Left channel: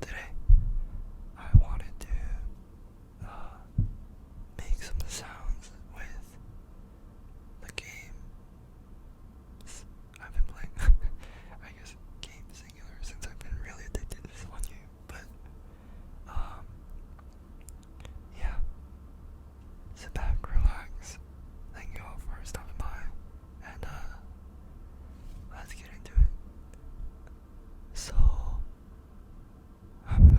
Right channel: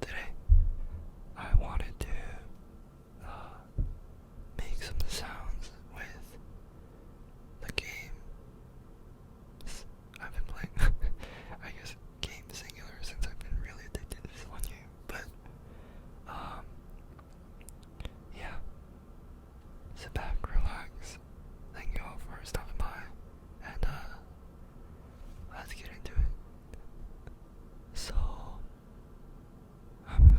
today I wanted to make some sounds with the game I've been playing. I guess game singular since I've been really addicted to this one game. But yeah. Sit back, relax. Thank you all for stopping by. And let's get into it. So I'm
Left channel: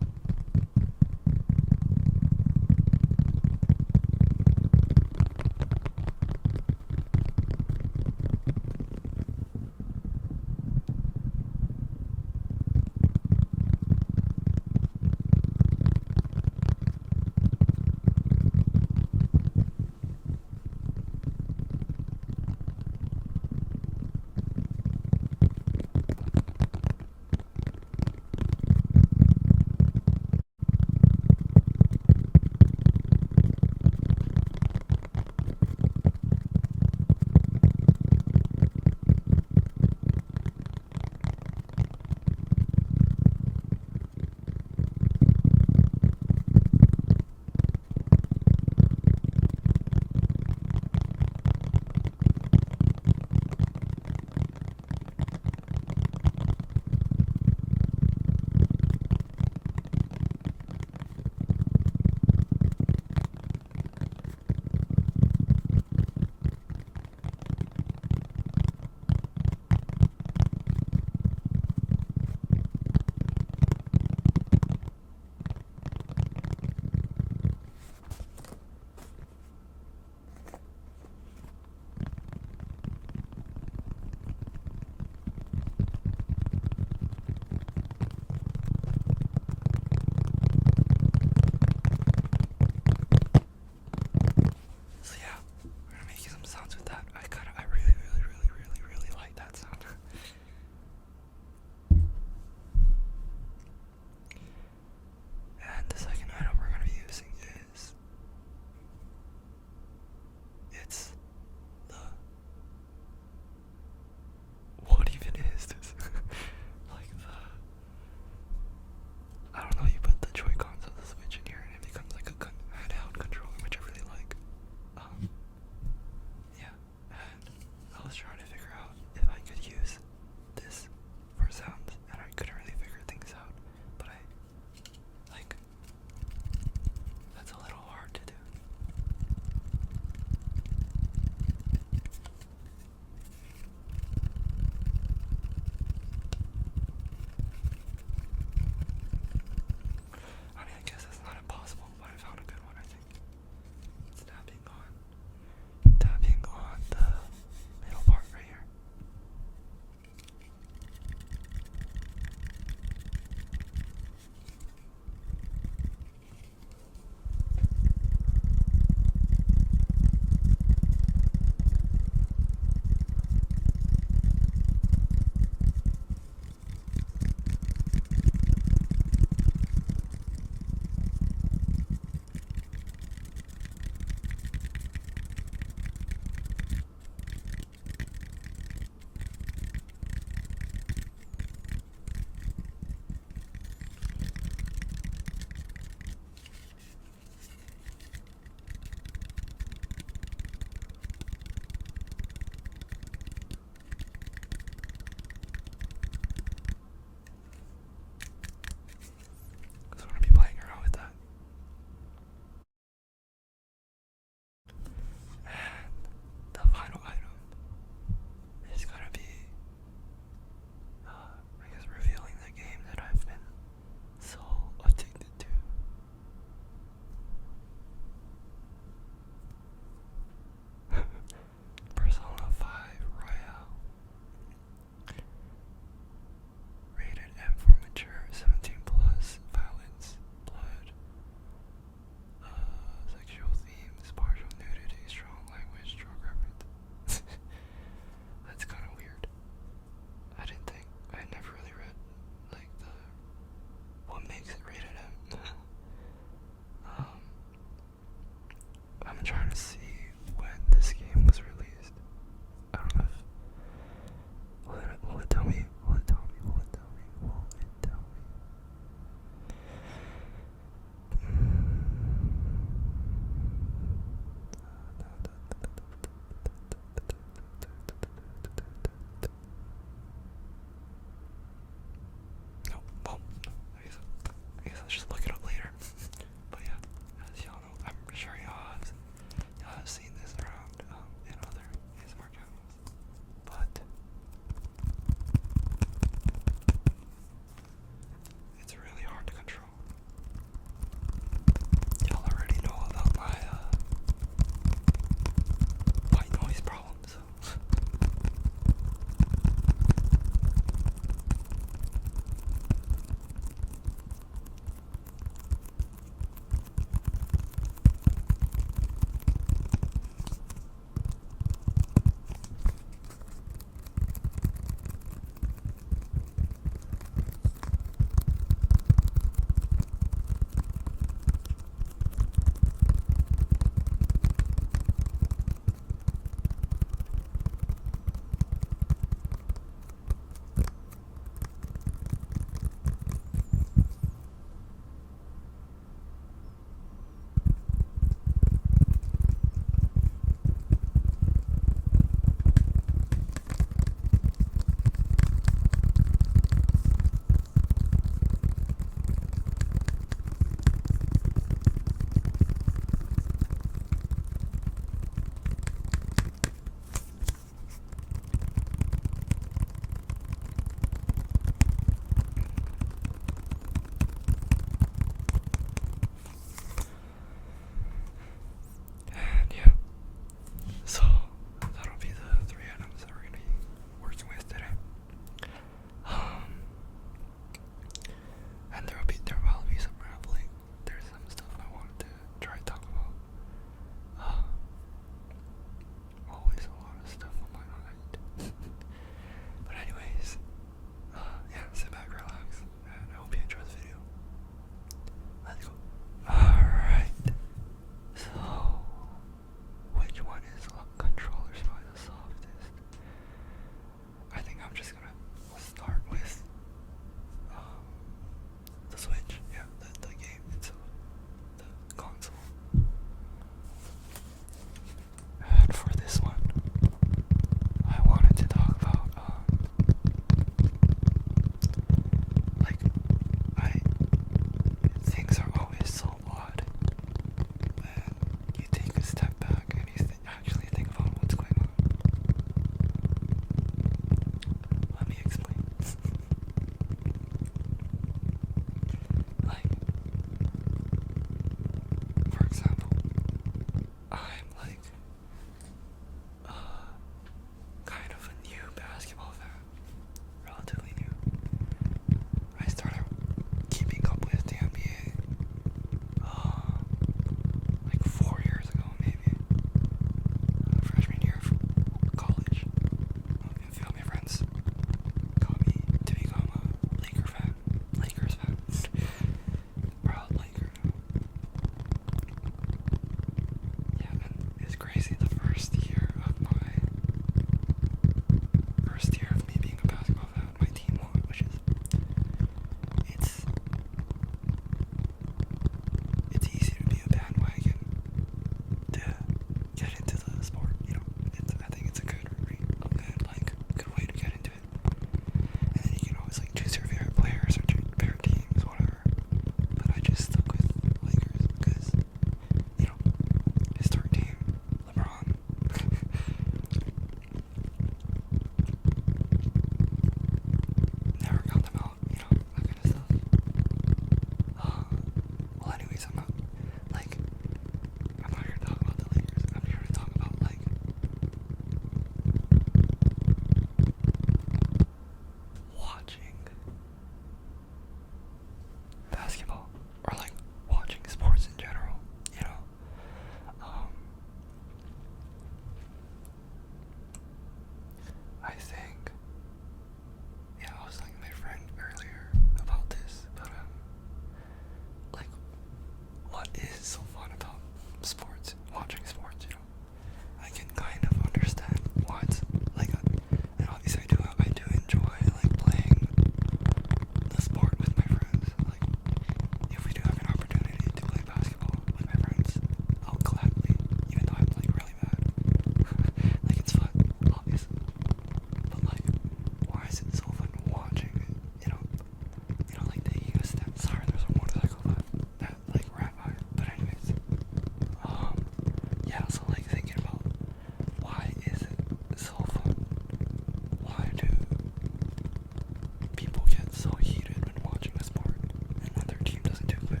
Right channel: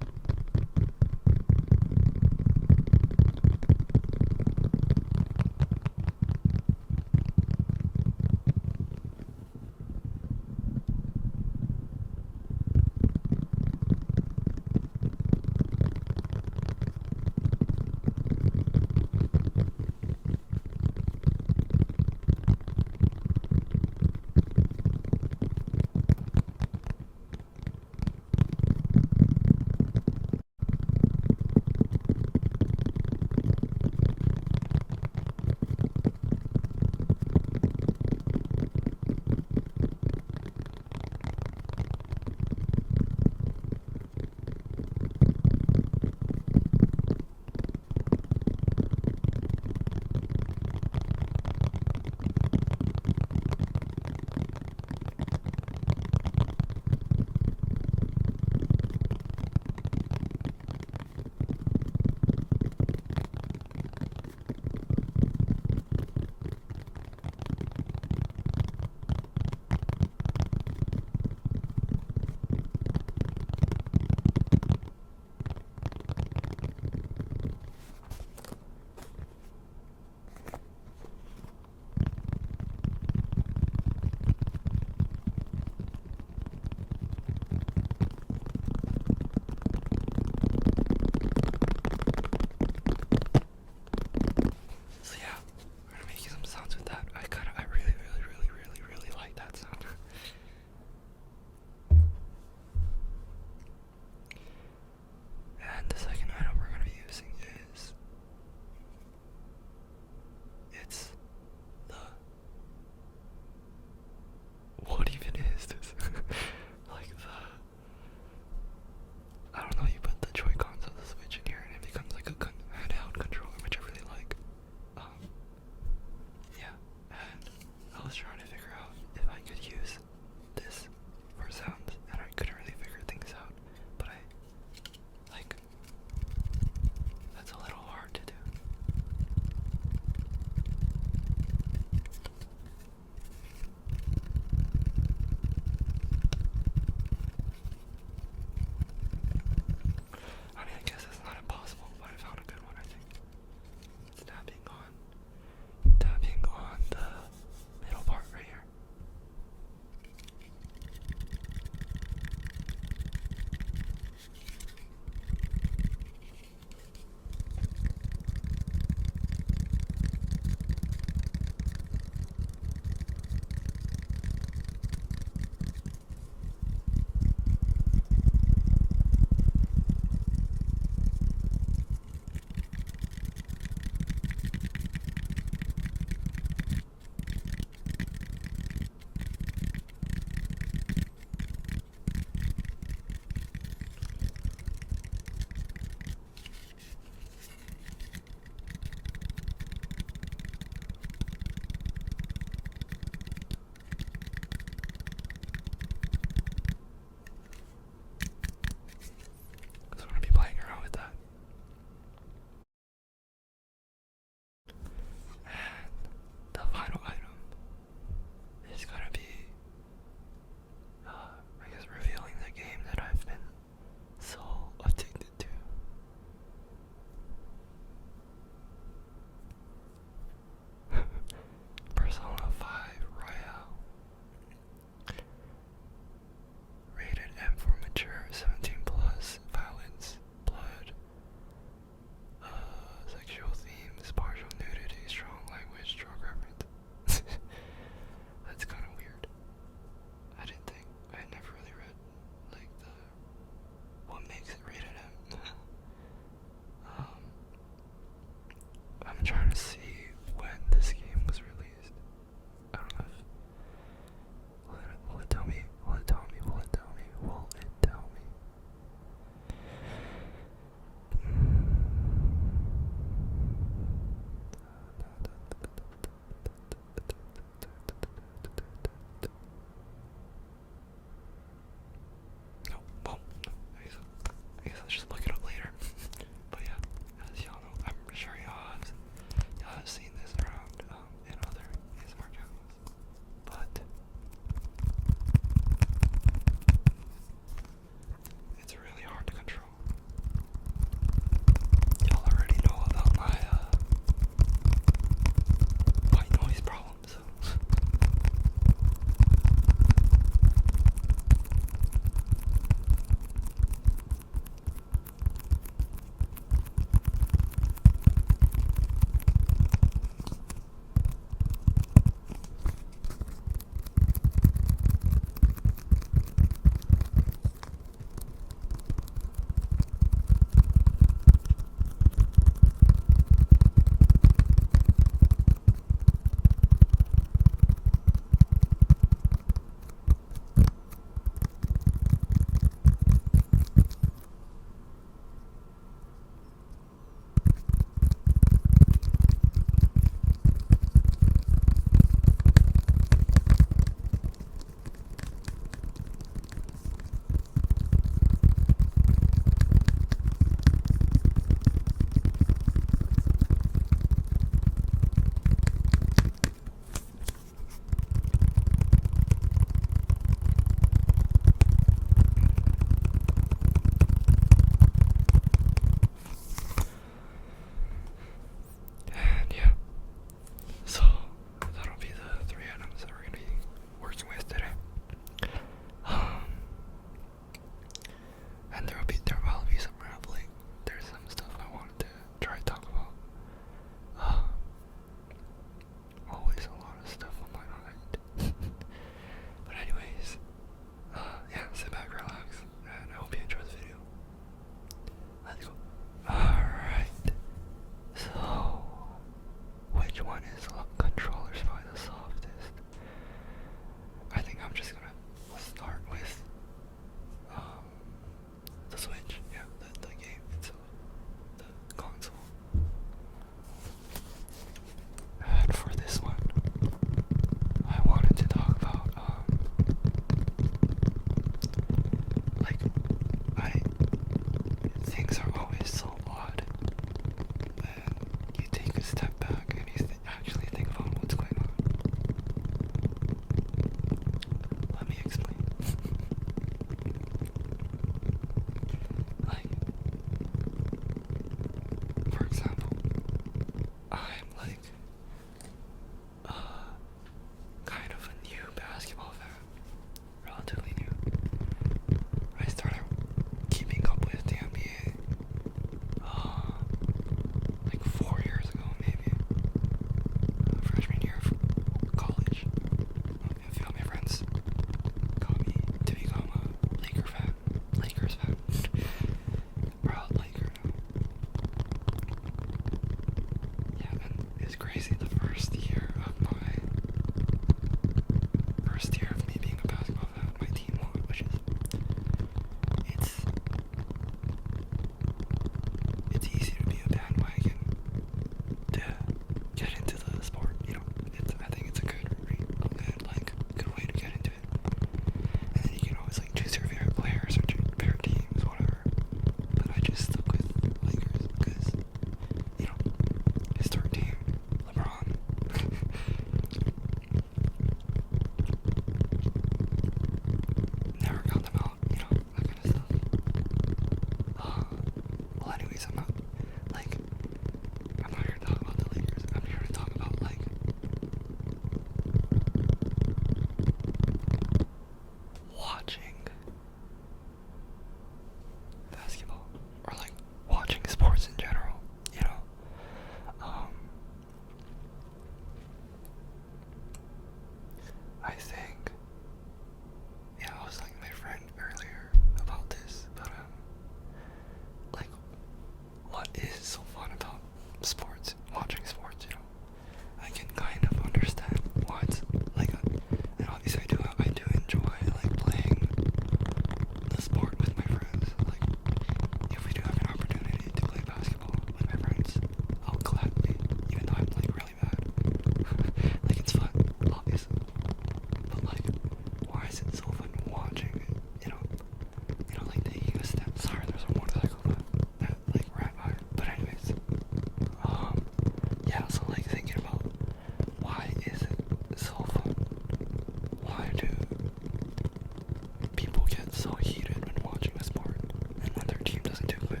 so heated when watching a sport and when their team doesn't do good?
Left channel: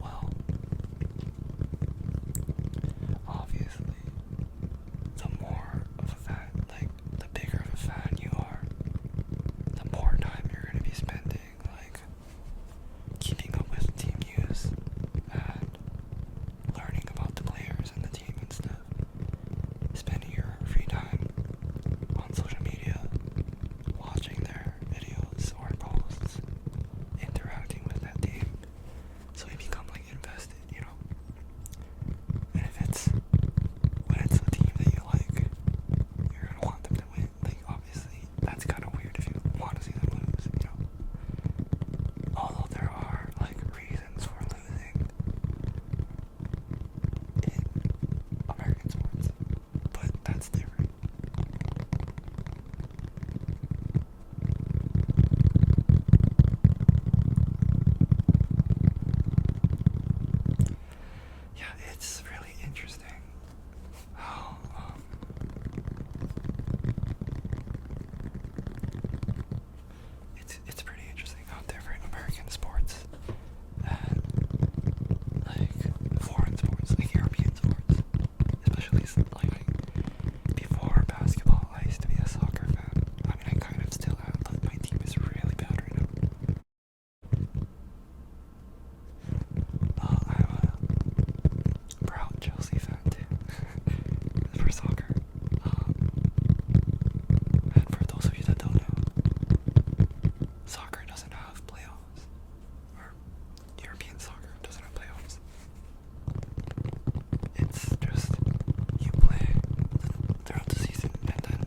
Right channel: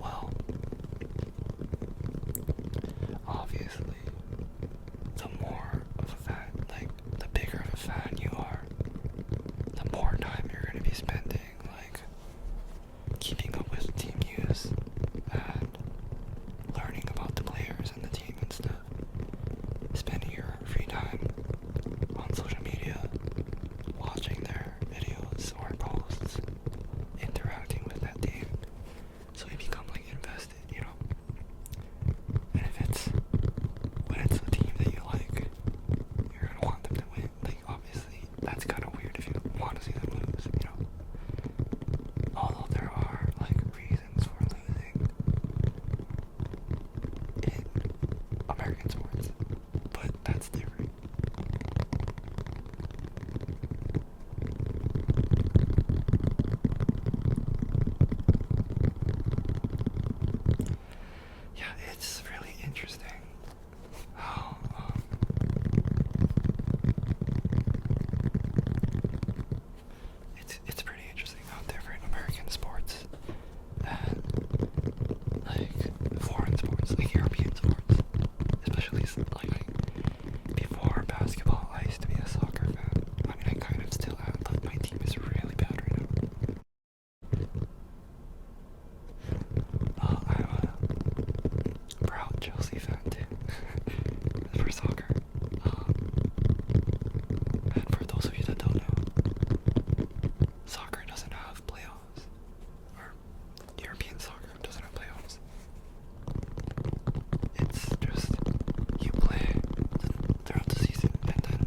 Well, obviously, the more of a fan, like the bigger of a fan you are, the more time you're going to be spending, like keeping up with team news and learning about the players and the team and stuff. Spending your free time on social media, watching their videos or posts, interacting with that team. So you become like invested, you know? And if it's, when it's a team that you like, you're gonna want them to win. Like obviously, that's kind of weird if you want to see them lose, you know? Although there are like reasons for losing in American sports, but that's different. Yeah, it's really interesting how it's pretty interesting how different American sports and like foreign sports, like European sports, especially like before basketball, I used to be a soccer fan. I mean, I kind of still am, but my team is really bad right now. I'm a proud Chelsea fan too, for soccer. And for those of you that don't know, soccer doesn't have playoffs, or European soccer doesn't have playoffs. It's just you play throughout the season, and then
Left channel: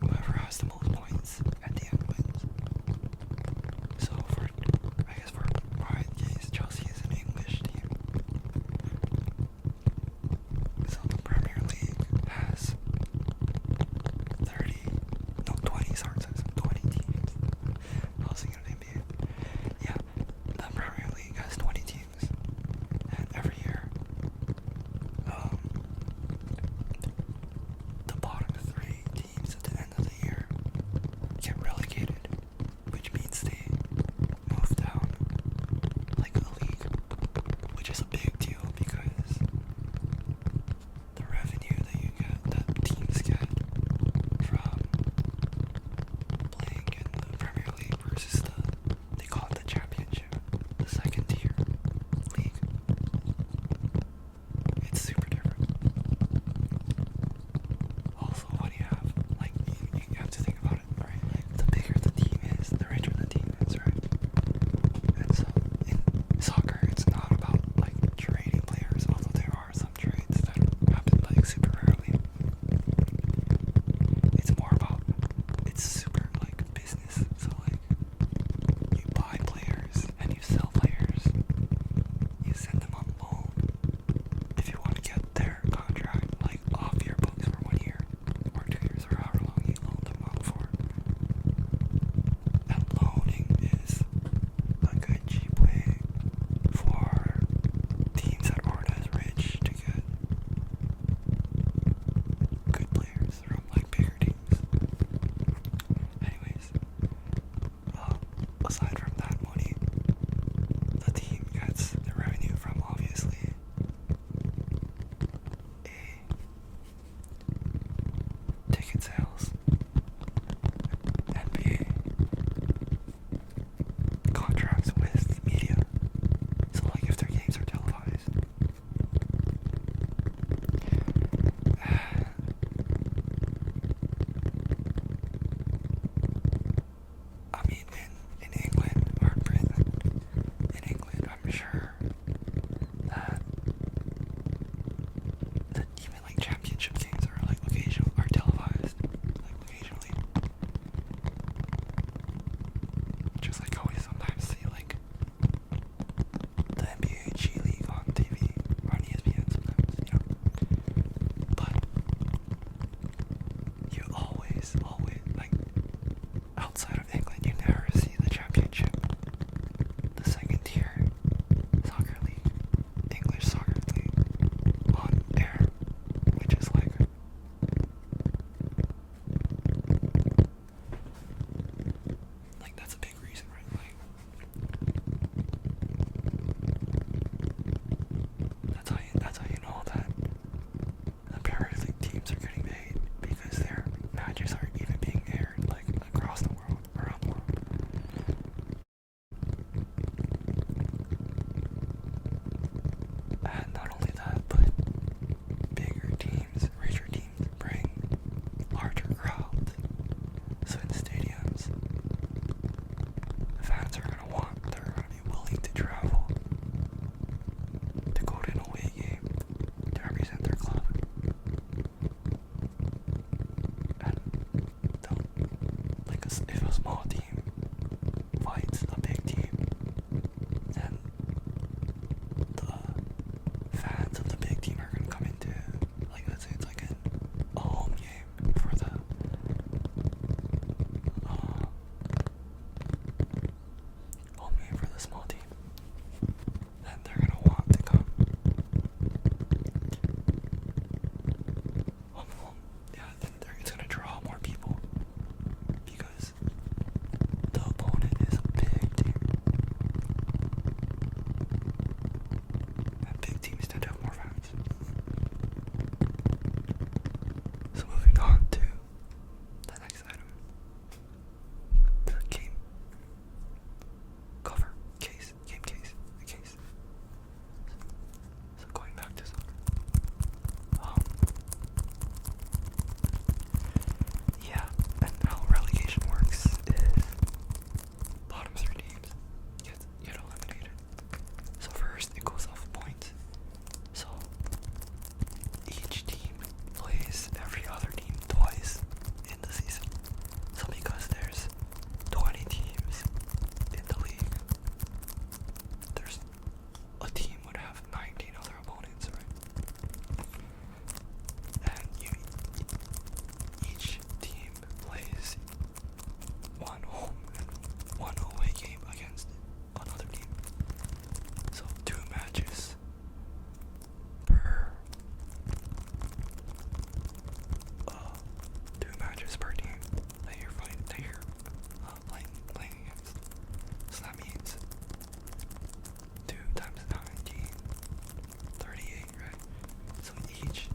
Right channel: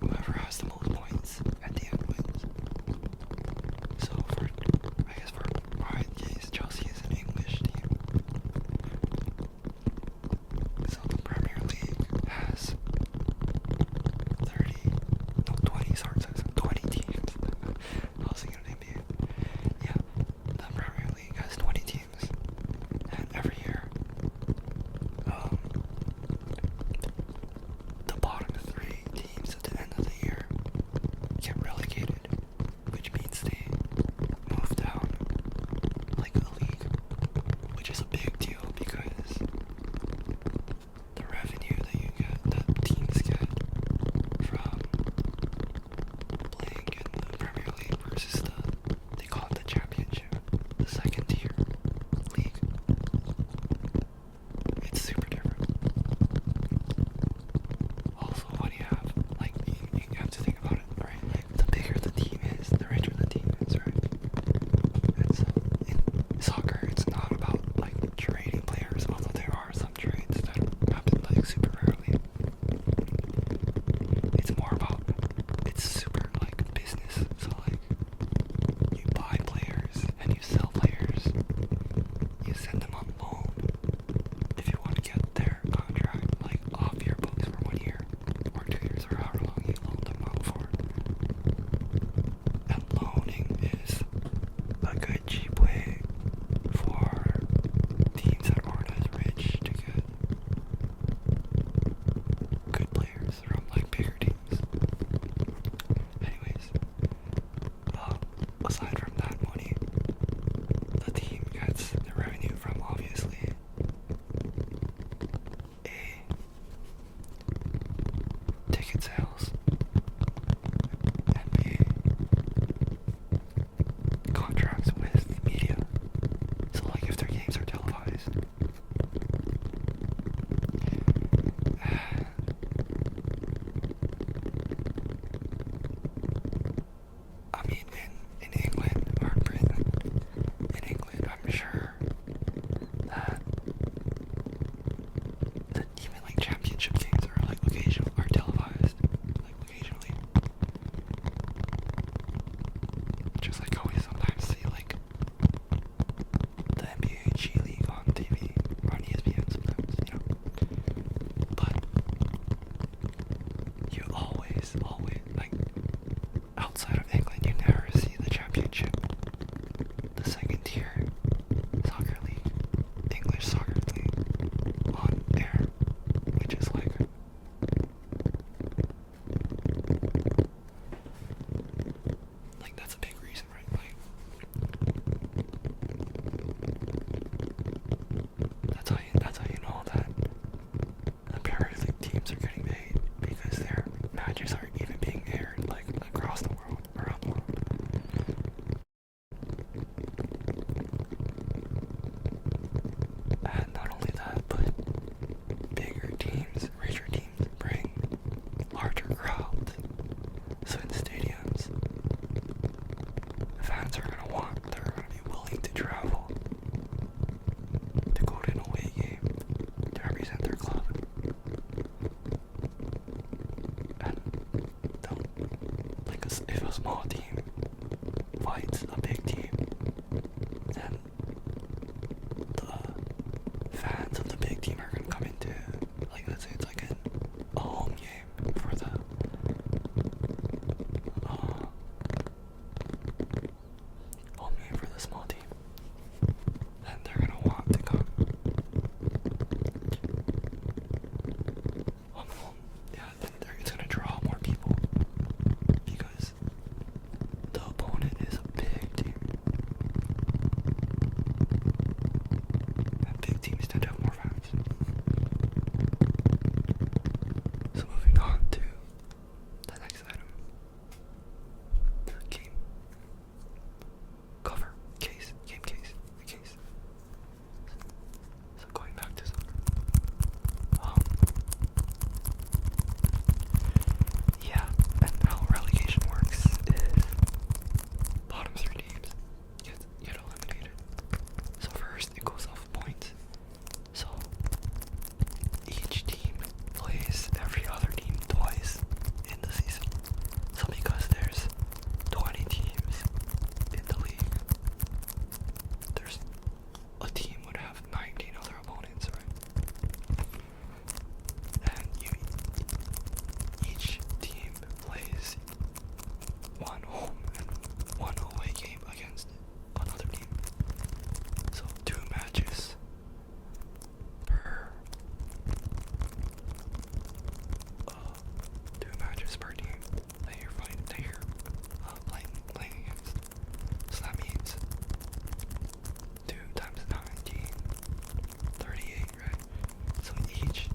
whoever has the most points at the end wins. So I guess for my case, Chelsea is an English team. So the Premier League has 20 teams. I was thinking of NBA. Yeah, the Premier League has 20 teams, and every year, the bottom 3 teams at the end of the year get relegated, which means they move down like a league, which is a big deal because the revenue that teams get from playing in the Premier League versus they call it the Championship, the second tier league. It's super different. Also, when you have, like, you have to think about it, right? Like, the bigger the team is, the richer the team is, right? And so, in soccer, it's not about, like, trading players, although there are some trades that happen, like, super rarely. It's more about, it's super, like, business. So, like, you buy players and you sell players. You send them on loan if you want to get their contract, like, off your books for 1 year or 2 years or however long you loan them out for. And loaning is a good cheap way for teams that aren't as rich to get good players from like bigger teams. Anyways, aside from that money, the team gets the revenue from obviously A, ticket sales, and B, contracts with media. So like if their games are televised. I mean, in England or Britain, in England, I'm sure that even like championship games are like are televised, like occasionally. Just like how we sometimes see like the NBA G League on TV or on ESPN sometimes, you know. But you always, like outside of England, you never see the championship, the second tier soccer league, English soccer league on air, which is like matches are even being aired like across the world, around the world. And not only that, but bigger teams, richer teams bring larger crowds. So in stadiums, fans are they're gonna be willing to travel to go to an away game to represent their club. And if a small team fights a big team, then the fans of the big team are gonna come into, like, let's say it's like a home game for the home game for the small team. Then they're gonna want to come home. Yeah, then it's gonna draw more people because the opponent is a big team. And big teams tend to have more fans. So moving on to the next item. The game cover. Game case. The case. So going back to soccer. Yeah, and how relegation works is bottom 3 teams get eliminated. So first it goes off points. So each team plays every other team twice in the season. So because there's 20 teams in the league, there's a team would have 19 other opponents, right? And each team plays one home and one away game against another team. So 2 matches per 2 matches per team that you're playing against. So that means 2 times 19, 38, right? So each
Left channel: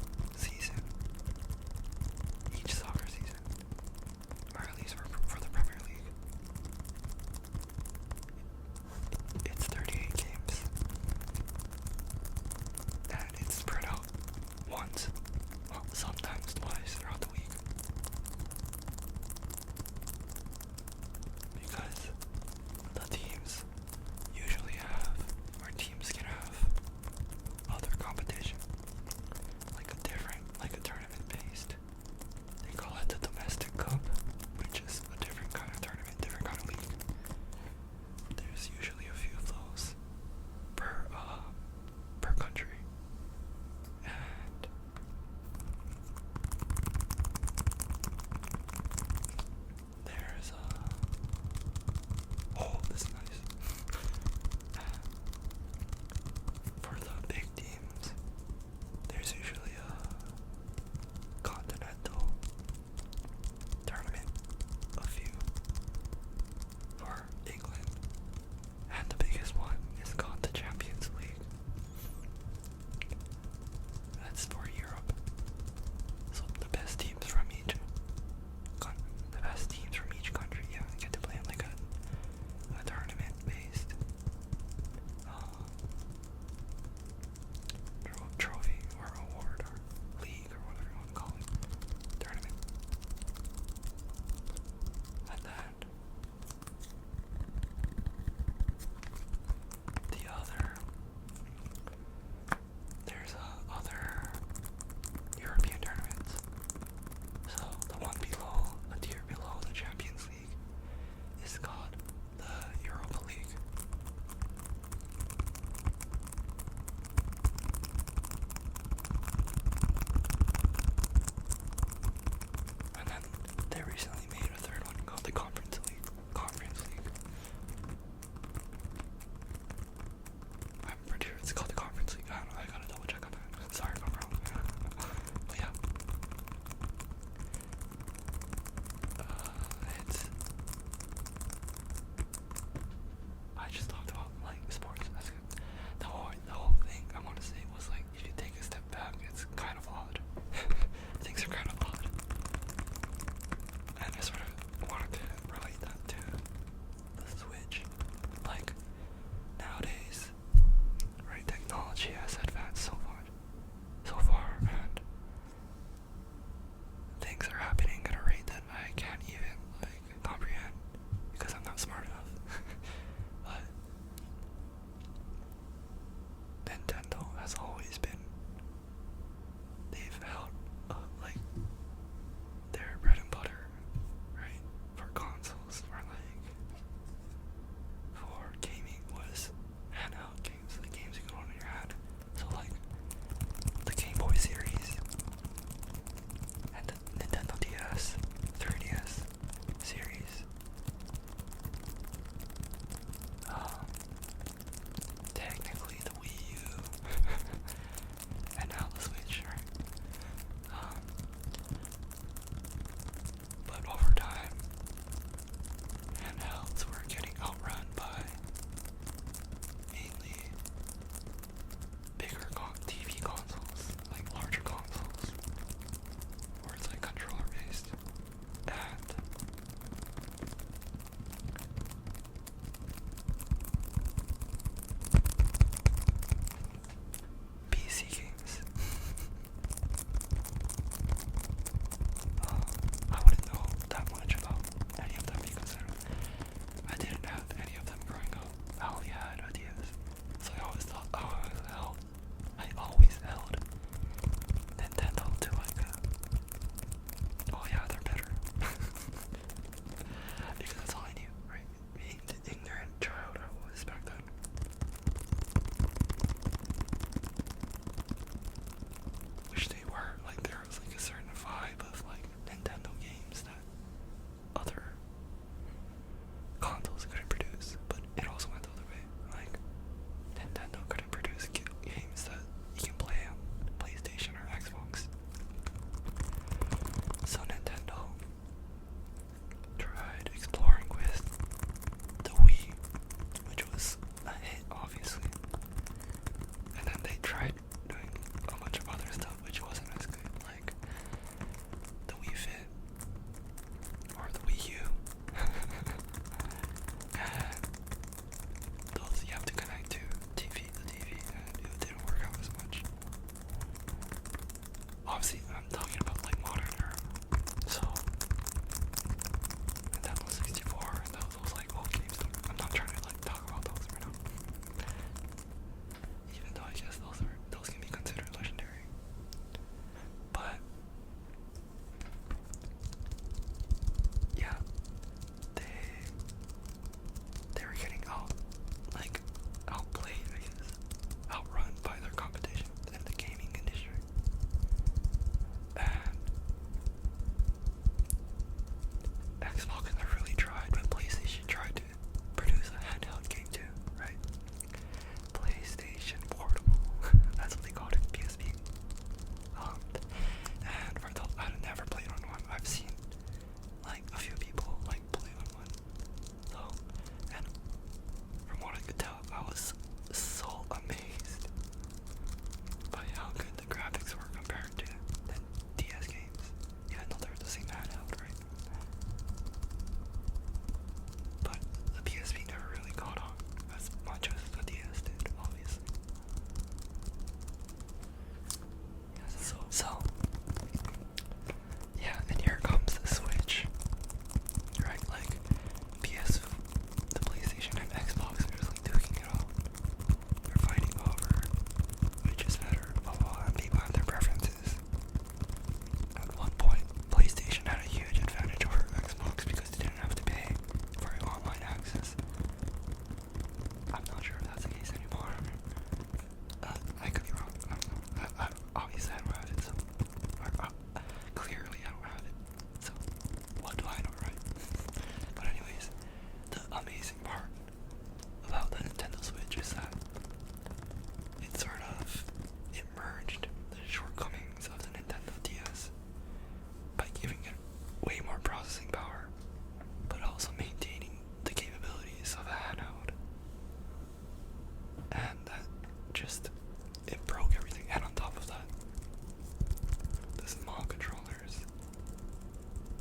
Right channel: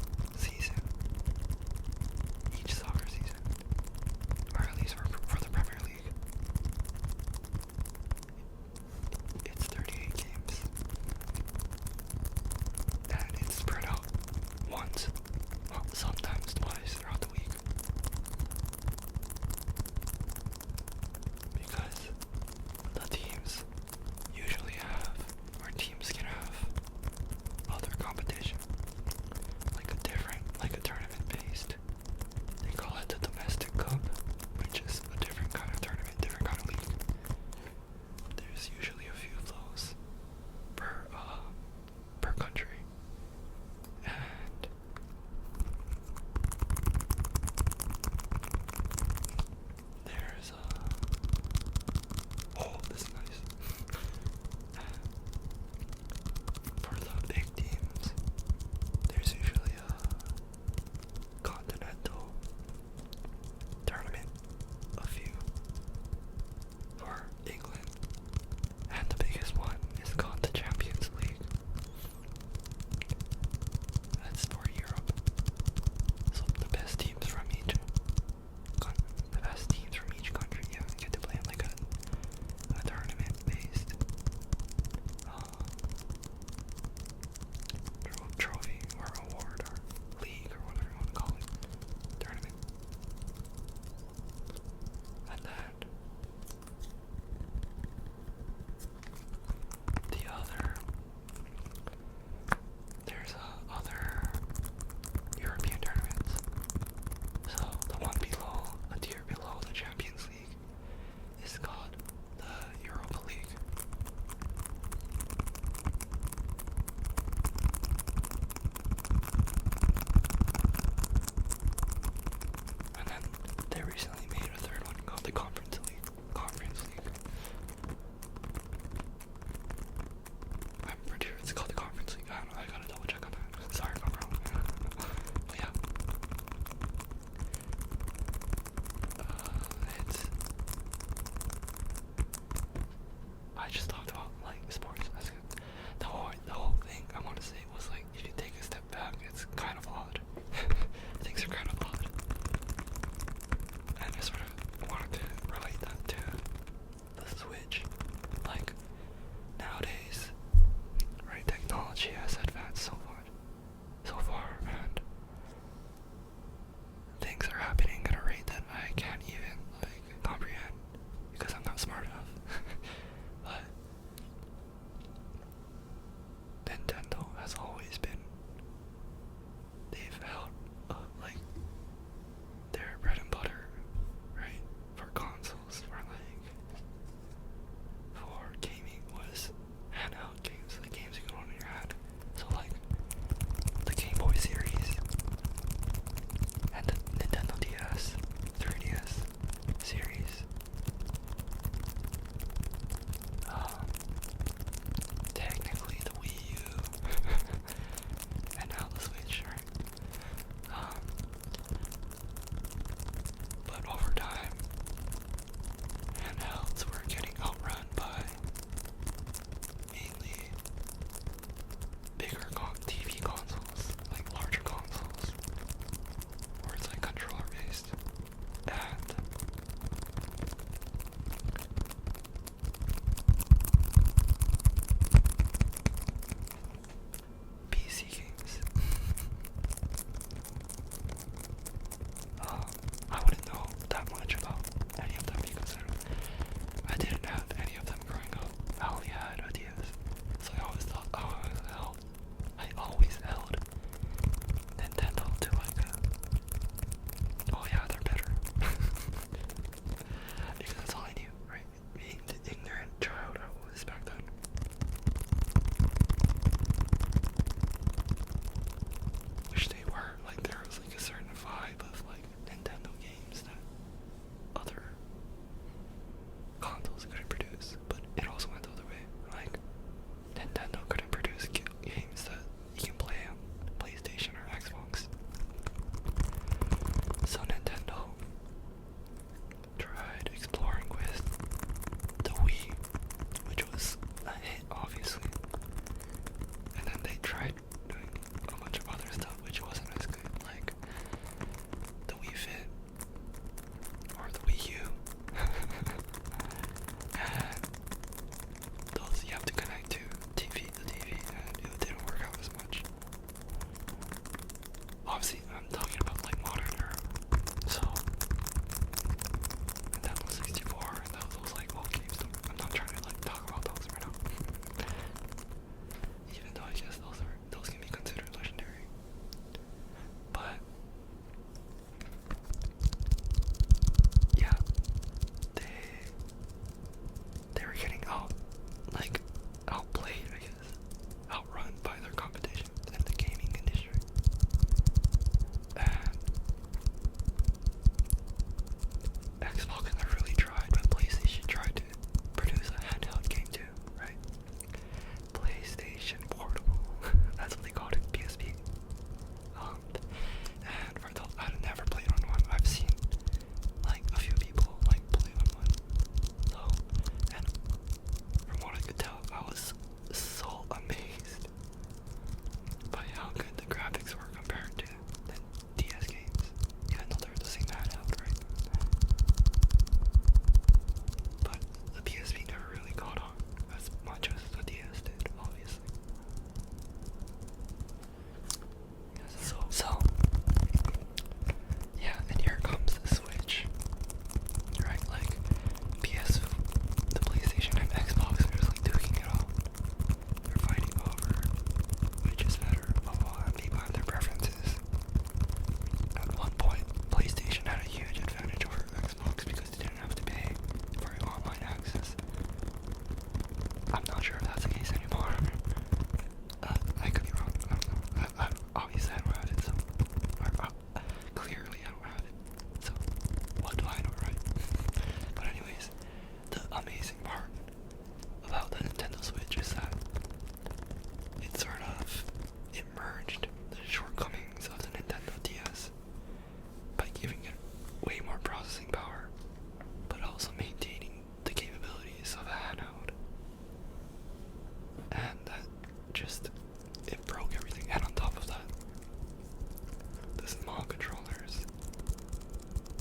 soccer season, or at least for the Premier League, it's 38 games. And it's spread out once, well, sometimes twice throughout the week. Because the teams usually have, or teams can have, other competition. Like a tournament based. They call it the domestic cup, which is a different kind of tournament, different kind of league. There's usually a few of those per country. And there's this is nice. For the big teams, there's usually a continental tournament, a few for England, and the biggest one is called the Champions League. That's for Europe. So the best teams from each country, yeah, get to play in like a tournament based trophy or award or league or whatever you want to call it, tournament. And then there's other European tournaments. So the one below, a tier below the Champions League, is called the Europa League. And then they recently made a third one called the Conference League. I'm pretty sure it's called the Conference League. I don't know, I gotta double check on that. Sorry if I'm wrong. But yeah. I just talked about like sports. That's good. The whole thing I want to say was like, if you take a step back, it's kind of odd. Things are kind of odd. the small controllers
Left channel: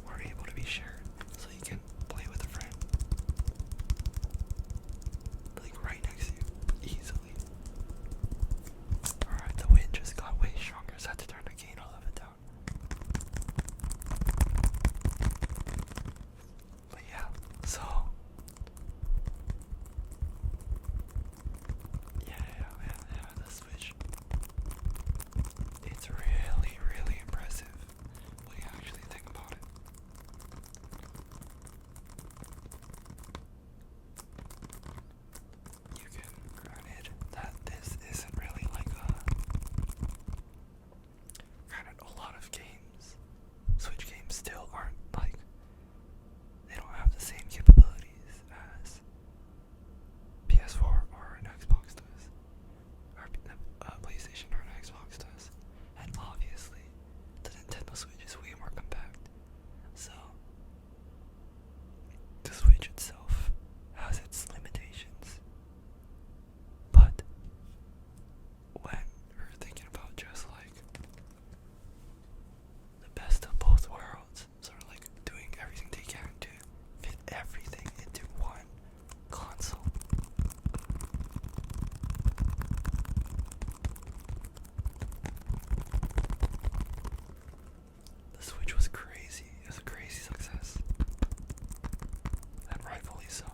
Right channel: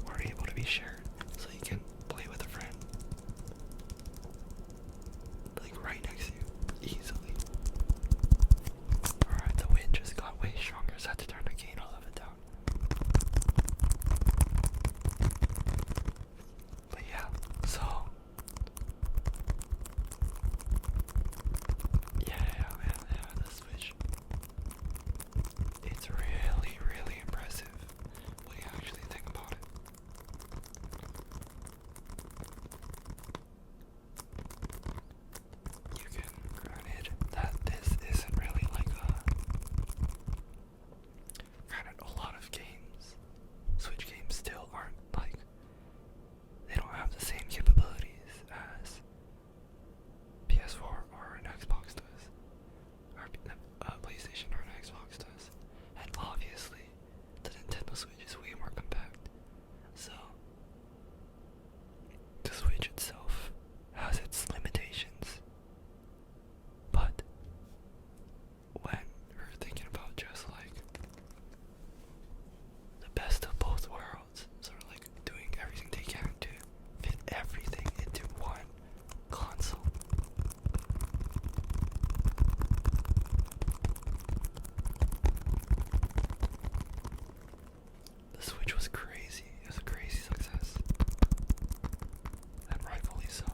were able to be shared, so you can play with a friend, like right next to you, easily. Alright, the wind just got way stronger, so I had to turn the gain a little bit down. But yeah, so yeah, the Switch. It's really, really impressive when you actually think about it. You can, granted that this isn't really like granted a lot of games, Switch games still aren't like, they don't have the same capabilities as PS4 or an Xbox does, or PlayStation or an Xbox does, and obviously the Nintendo Switch is way more compact. So the Switch itself has its limitations, but when we're thinking about just like the best of both worlds, sort of like doing everything they can to fit everything into one console. The Switch was crazy. It was a crazy success. And rightfully so.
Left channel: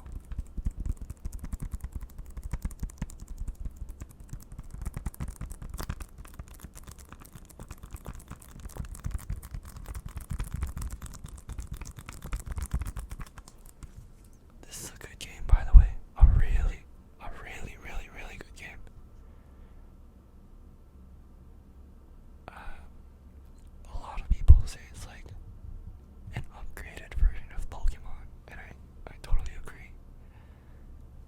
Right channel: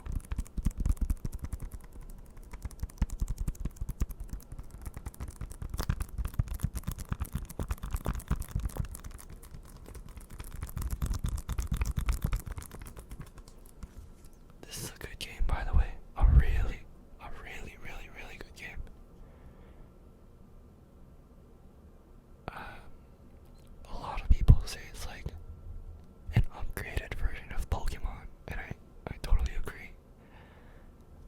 This is a good game, by the way. A really, really good game. A lot of people say it's like an upgraded version of Pokemon, and I totally agree.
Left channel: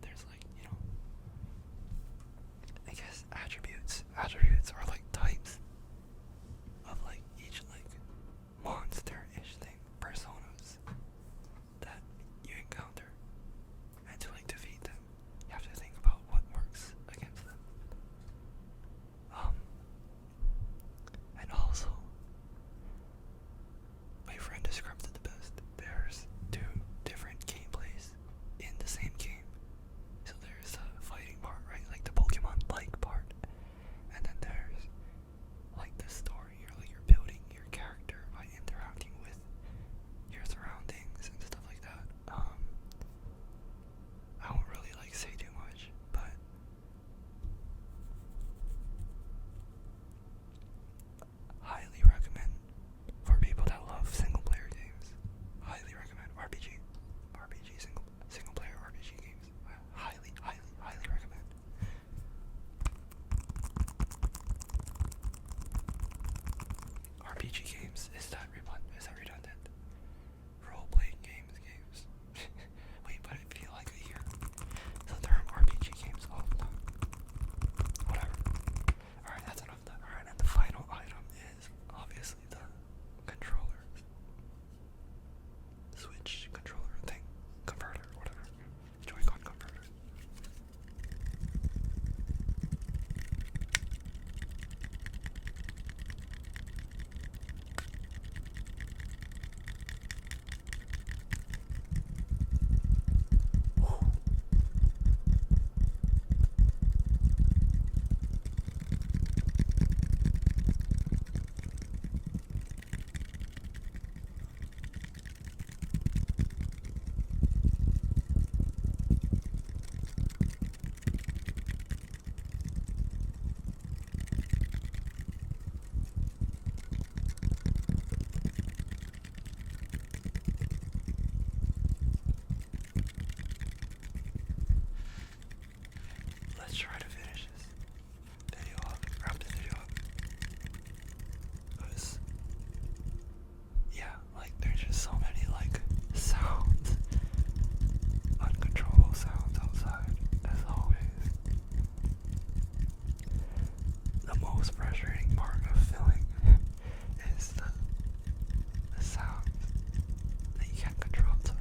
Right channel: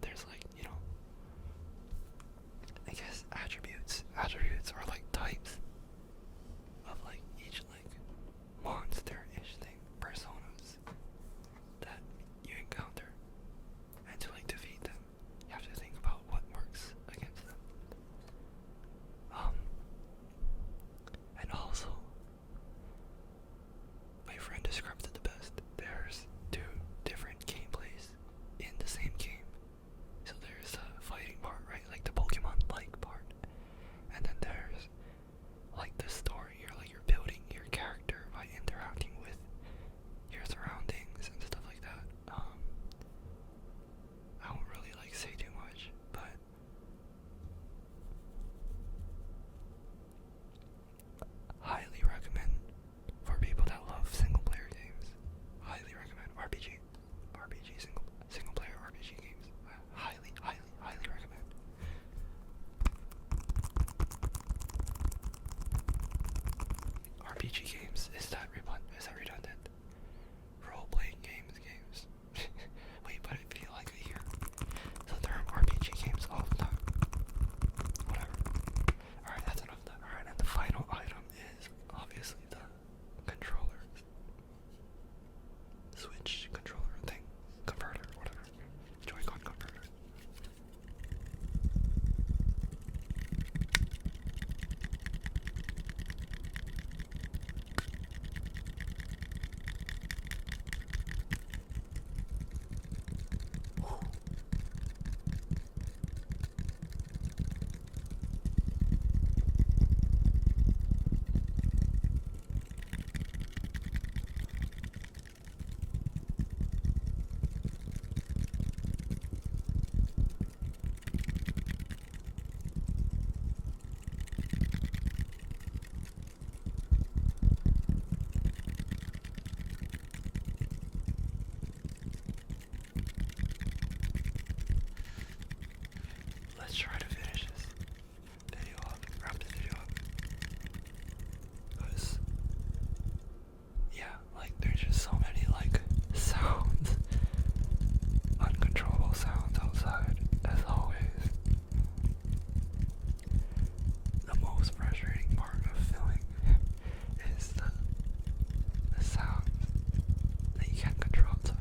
There's like, I guess attributes. Attributes are like types of like each like monster-ish thing, personas that you encounter. And to like defeat them, you have to think about what works against them. And also, my friend described it the best. There's two different gameplays in the same game. So there's the fighting part, right? Like the Pokemon-like part. And then there's like the story, you're building your character by interacting with your surroundings and stuff like that. I won't really like say too much, but highly recommend for people that love single player games. Highly recommend single player RPG games. Highly recommend. RPG games, is that redundant? Role playing games. Wait, but I feel like I hear the term RPG games all the time. Whatever. Alright, that's enough of that. Alright, and the final item is obviously the controller. Switch controller thing. Converter, whatever. Joy-Con converter. Let's try to finish this video up, wrap the video up. Because, yeah, like there's just so many like sounds, uncontrollable sounds outside, as always. The most frustrating part of filming is the sounds that you can't control outside.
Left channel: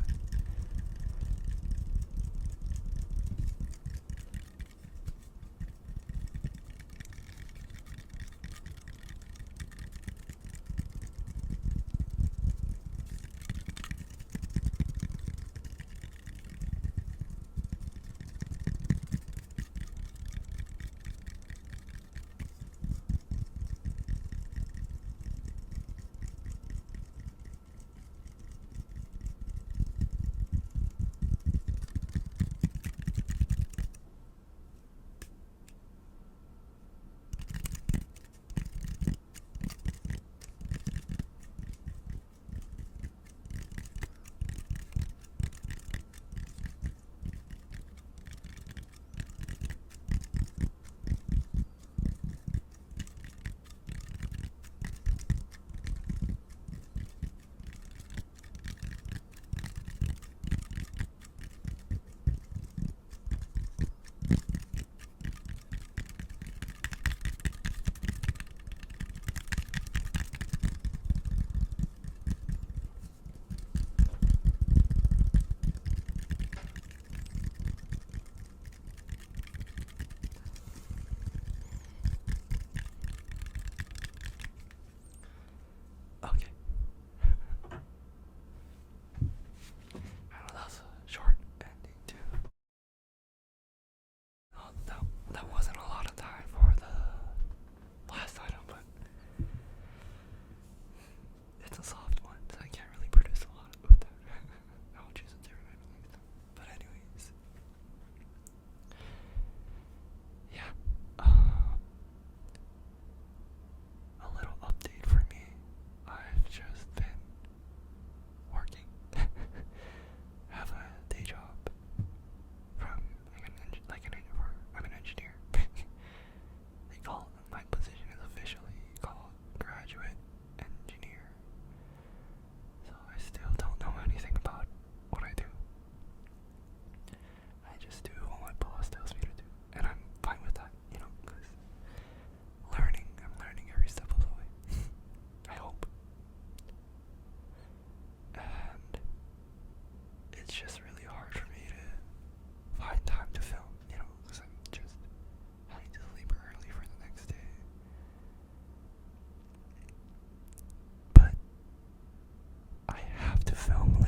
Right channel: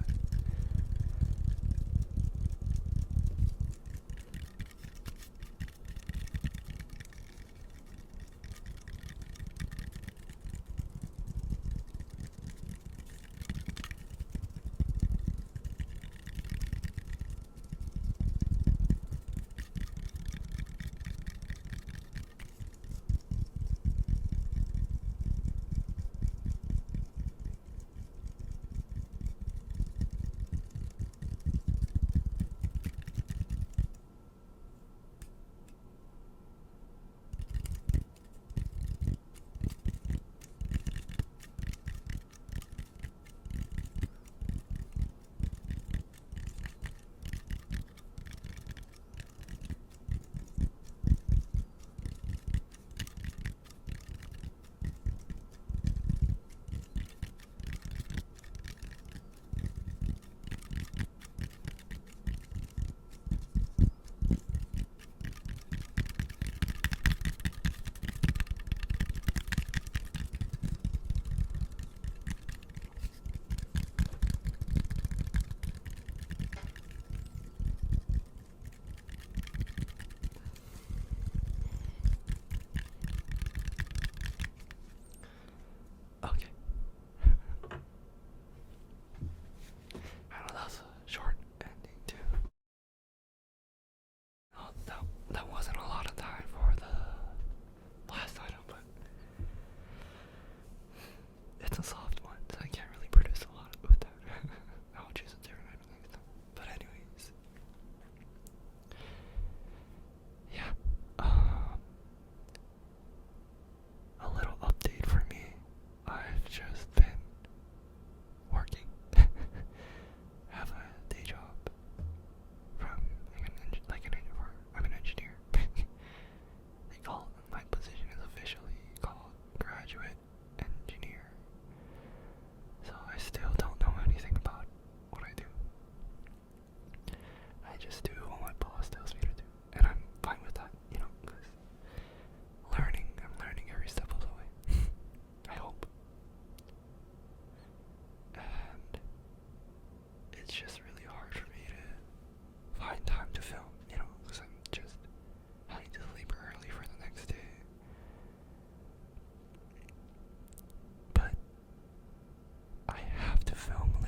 film